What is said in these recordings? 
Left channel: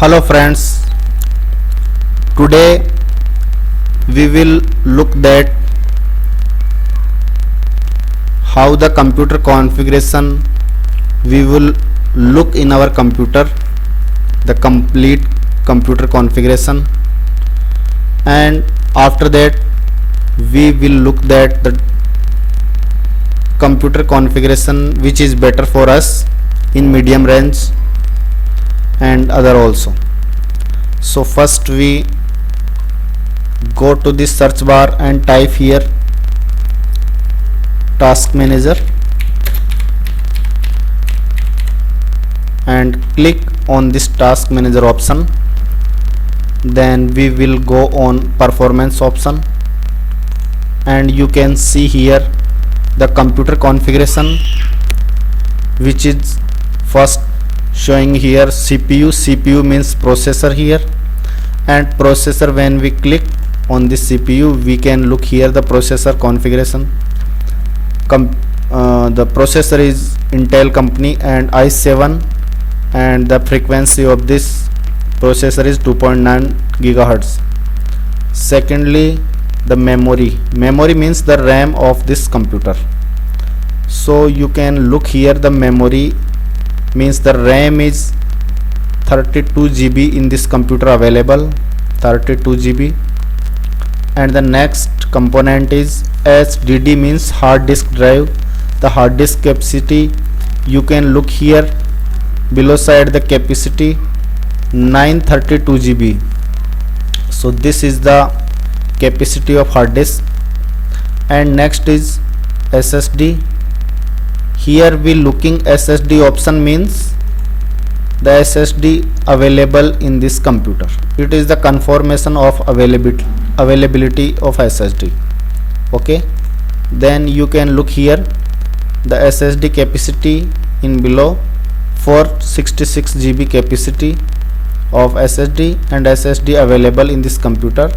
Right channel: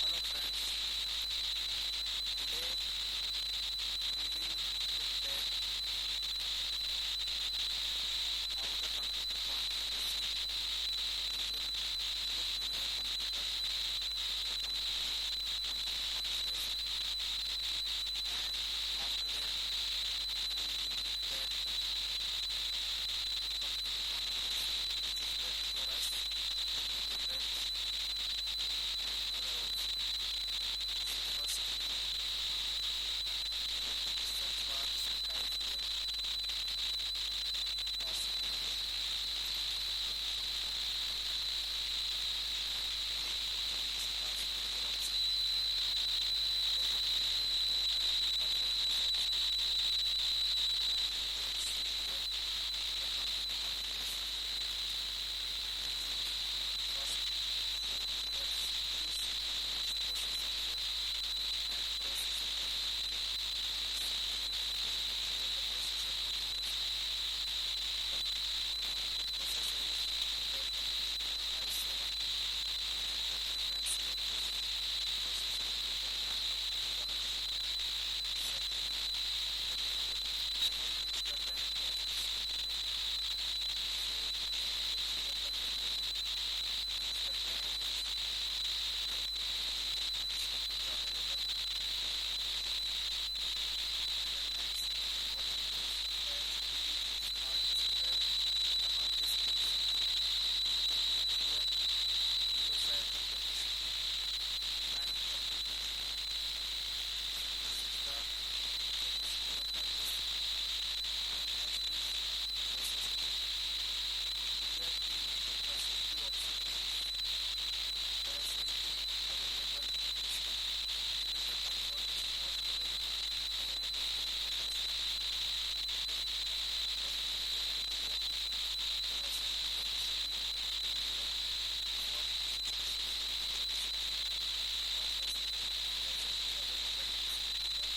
Hello friends, today we will look at how the computer configuration we will look in our computer, the complete computer configuration, and after that we will look at the computer configuration which is better for us in medium range and other also. So first we go to the search bar and type here task manager and click on this task manager option. Then we will go on performance option and you can see here the computer configuration, which is first showing here CPU means processor here, and processor, when we click on this CPU we can look here the processor configuration. The processor is Intel company and i7, and the frequency of this processor is 2.9 gigahertz. Secondly, the memory means the RAM of this computer. So you can look here the memory means the RAM is 32 GB in this computer available, 32 GB. And the next component is HDD means hard disk drive. The hard disk capacity, you can look here below side the capacity 932 GB. So this is the capacity of hard disk. And next is SSD. Here we looking SSD option means the SSD available in this computer. It is the confirmation of availability of SSD. Okay, then you can look here the SSD capacity in below 466 GB capacity of SSD, and SSD available in this computer.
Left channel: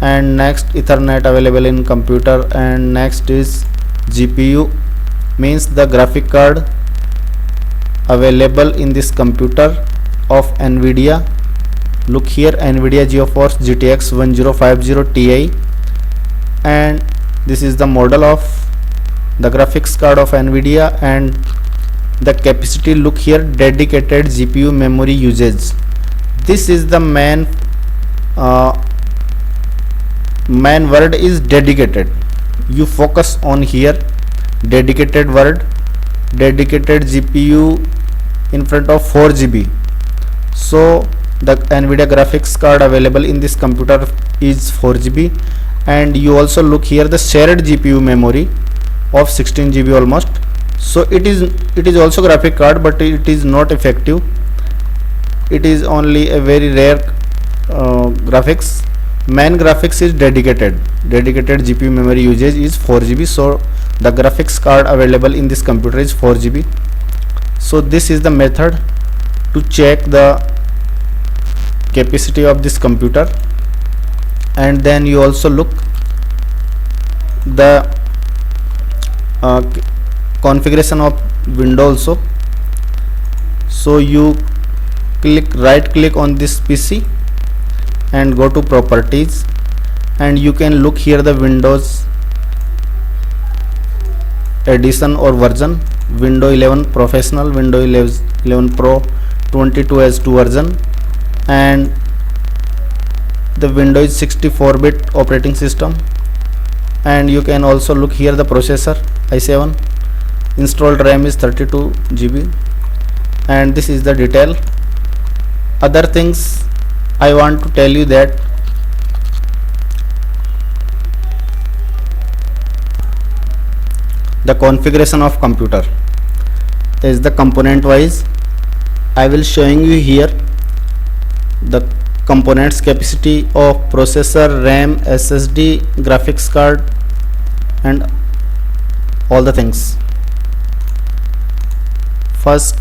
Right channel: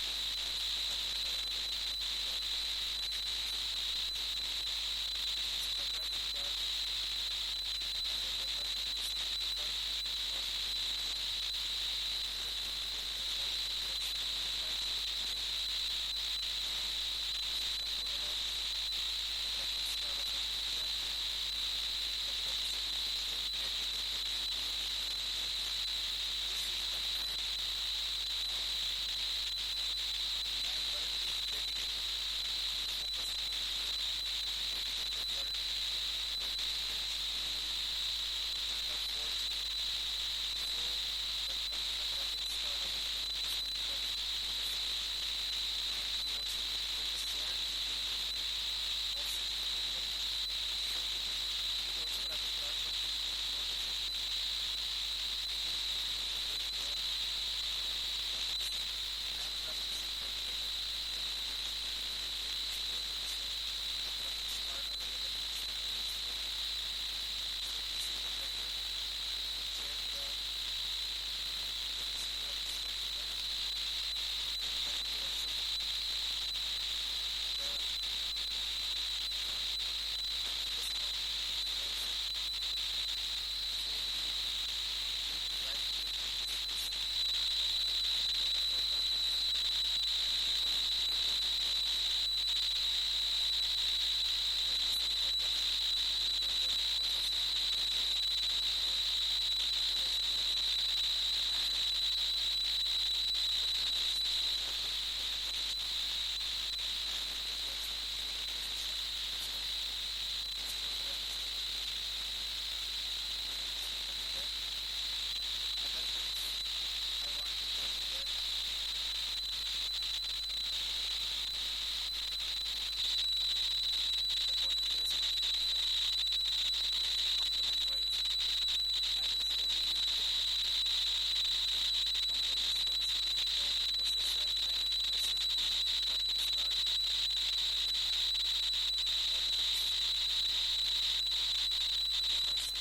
And next Ethernet available in computer. And next is GPU means the graphic card available in this computer of NVIDIA. Look here, NVIDIA GeForce GTX 1050 Ti, and this is the model of the graphics card of NVIDIA. And the capacity, look here, dedicated GPU memory usage. This is the main word is dedicated. You focus on here dedicated word, dedicated GPU in front of 4 GB. So the NVIDIA graphics card available in this computer is 4 GB. And you also look here the shared GPU memory of 16 GB almost. So it is also graphic card, but it is not effective. It is only a very rare graphics. Main graphics is dedicated GPU memory usage is 4 GB. So the graphics card available in this computer is 4 GB. So this is the method to check the capacity of this computer. And then you also look the configuration of window also. So you right click on this PC and go to properties, and you can look here the Windows edition or version, Windows 11 Professional, Windows 11 Pro 22H2 version, and the Windows 64-bit operating system. And you can also look here the processor i7, installed RAM is 32 GB. And this is the detail. Other things I want to tell you that the configuration of computer is the component wise. I will showing you here the components capacity of processor, RAM, SSD, graphics card, and all the things. First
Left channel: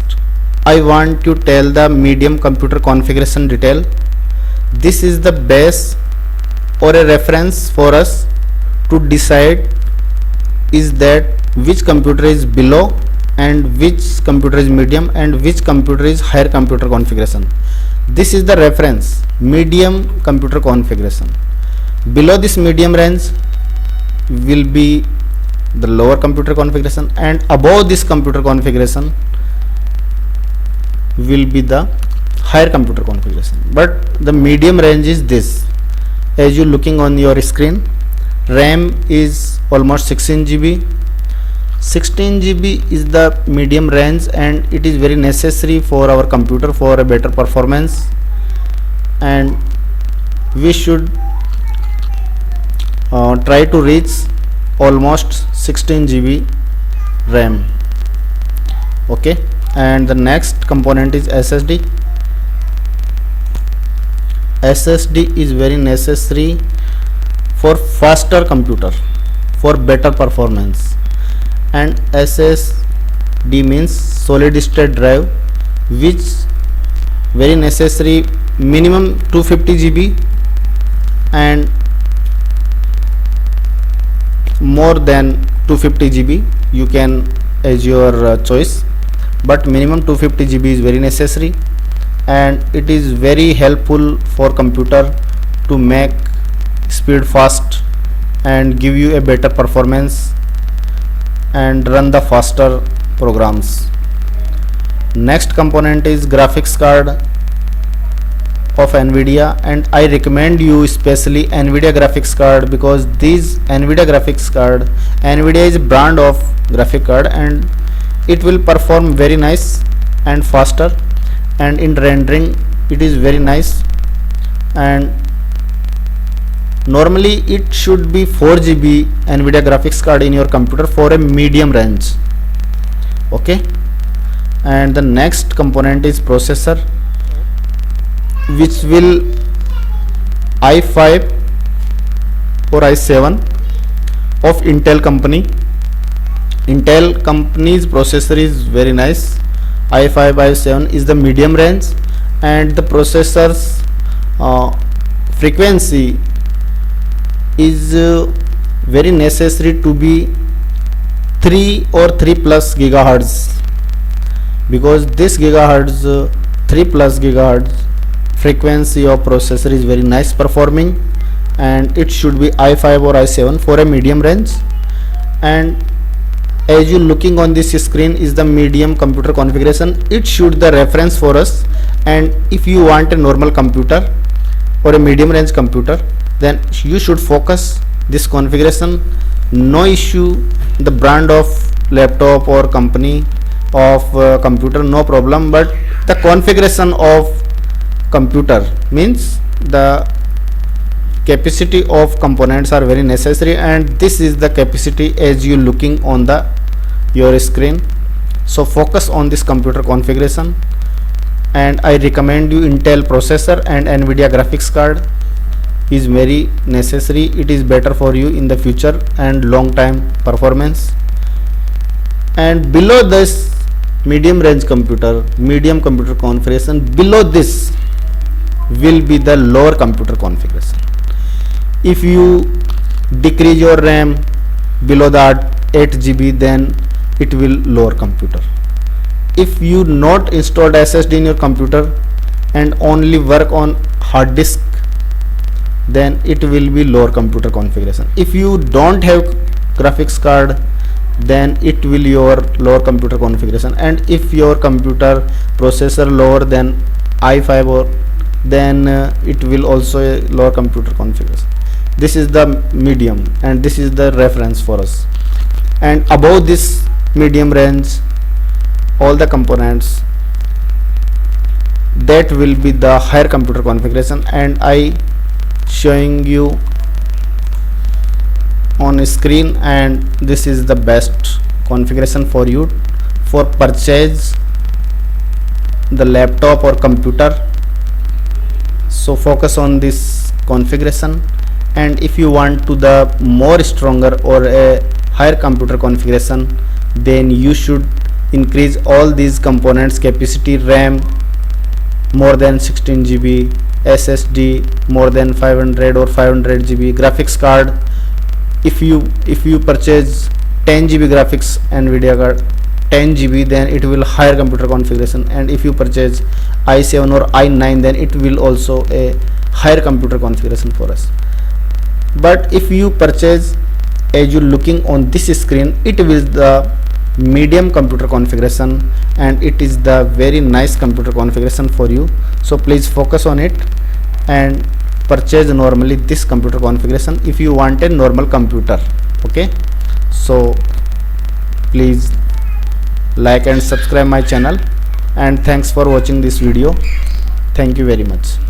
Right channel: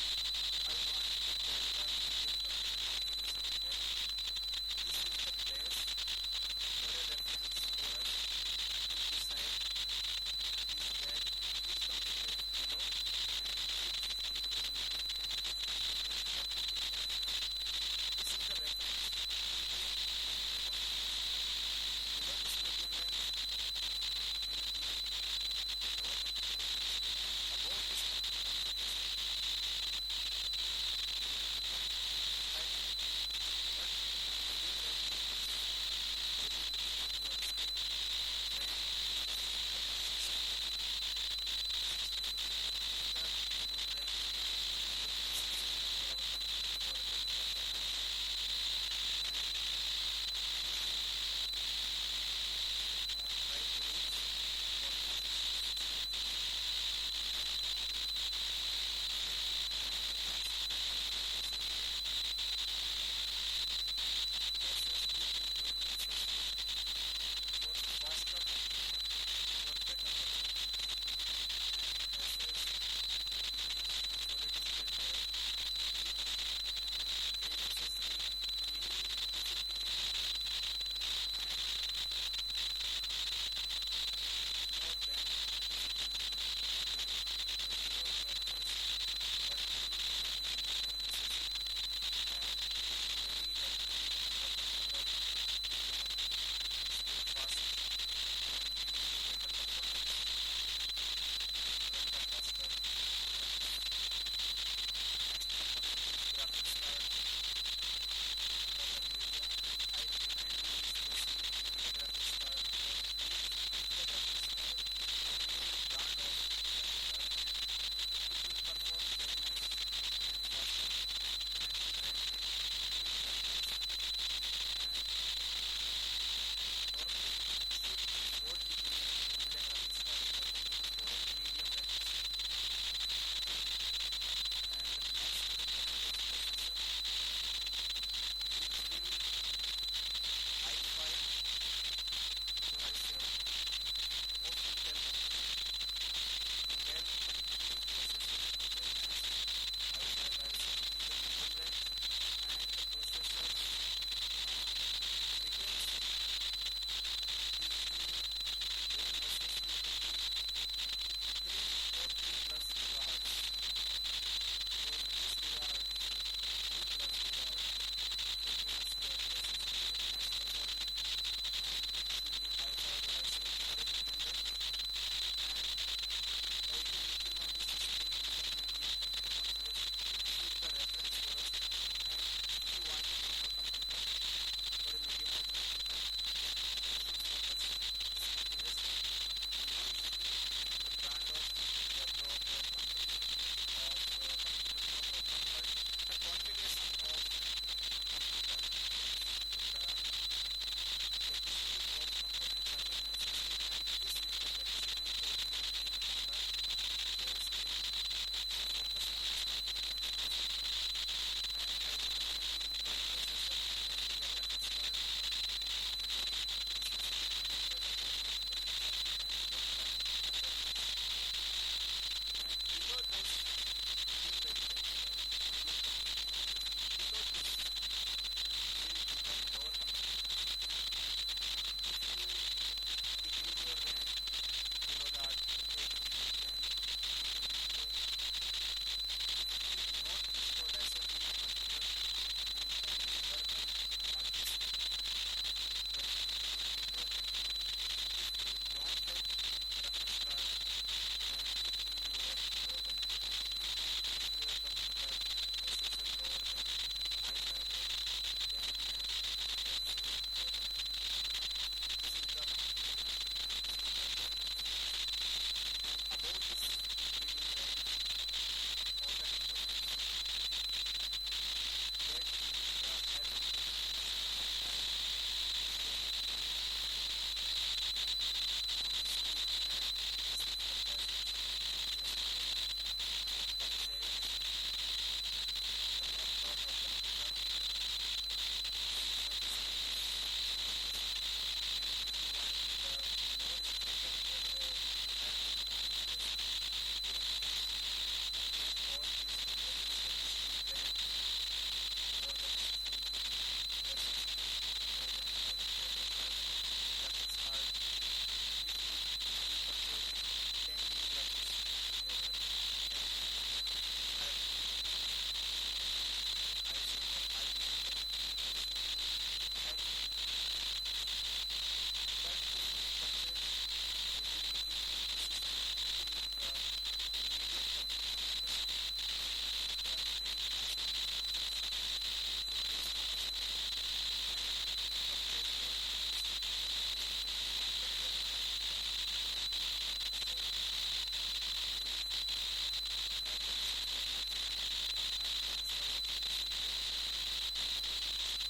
I want to tell the medium computer configuration detail. This is the base or a reference for us to decide is that which computer is below and which computer is medium and which computer is higher computer configuration. This is the reference medium computer configuration. Below this medium range will be the lower computer configuration, and above this computer configuration will be the higher computer configuration. But the medium range is this, as you looking on your screen. RAM is almost 16 GB. 16 GB is the medium range, and it is very necessary for our computer for a better performance, and we should try to reach almost 16 GB RAM. Okay, and the next component is SSD. SSD is very necessary for faster computer, for better performance. And SSD means solid state drive, which very necessary, minimum 250 GB and more than 250 GB you can as your choice, but minimum 250 GB is very necessary, and it is very helpful for computer to make speed fast and give you a better performance and run the faster programs. Next component is graphics card of NVIDIA, and I recommend you especially NVIDIA graphics card, because this NVIDIA graphics card, NVIDIA is a brand of graphic card, and it will perform very nice and faster, and in rendering it is very nice. And normally it should be 4 GB NVIDIA graphics card in your computer for a medium range. Okay, and the next component is processor, which will i5 or i7 of Intel company. Intel company's processor is very nice. i5 i7 is the medium range, and the processor's frequency is very necessary to be 3 or 3 plus gigahertz, because this gigahertz 3 plus gigahertz frequency of processor is very nice performing, and it should be i5 or i7 for a medium range. And as you looking on this screen is the medium computer configuration. It should the reference for us, and if you want a normal computer or a medium range computer, then you should focus this configuration. No issue the brand of laptop or company of computer, no problem, but the configuration of computer means the capacity of components are very necessary, and this is the capacity as you looking on the your screen. So focus on this computer configuration, and I recommend you Intel processor and NVIDIA graphics card is very necessary. It is better for you in the future and long time performance. And below this medium range computer, medium computer configuration, below this will be the lower computer configuration. If you decrease your RAM below that 8 GB, then it will lower computer. If you not installed SSD in your computer and only work on hard disk, then it will be lower computer configuration. If you don't have graphics card, then it will your lower computer configuration. And if your computer processor lower than i5 or then it will also a lower computer configuration. This is the medium, and this is the reference for us. And above this medium range, all the components, that will be the higher computer configuration, and I showing you on screen, and this is the best configuration for you for purchase the laptop or computer. So focus on this configuration, and if you want to the more stronger or a higher computer configuration, then you should increase all these components capacity: RAM more than 16 GB, SSD more than 500 or 500 GB, graphics card. If you purchase 10 GB graphics NVIDIA card 10 GB, then it will higher computer configuration, and if you purchase i7 or i9, then it will also a higher computer configuration for us. But if you purchase, as you looking on this screen, it will the medium computer configuration, and it is the very nice computer configuration for you. So please focus on it and purchase normally this computer configuration if you want a normal computer. Okay, so please like and subscribe my channel, and thanks for watching this video. Thank you very much.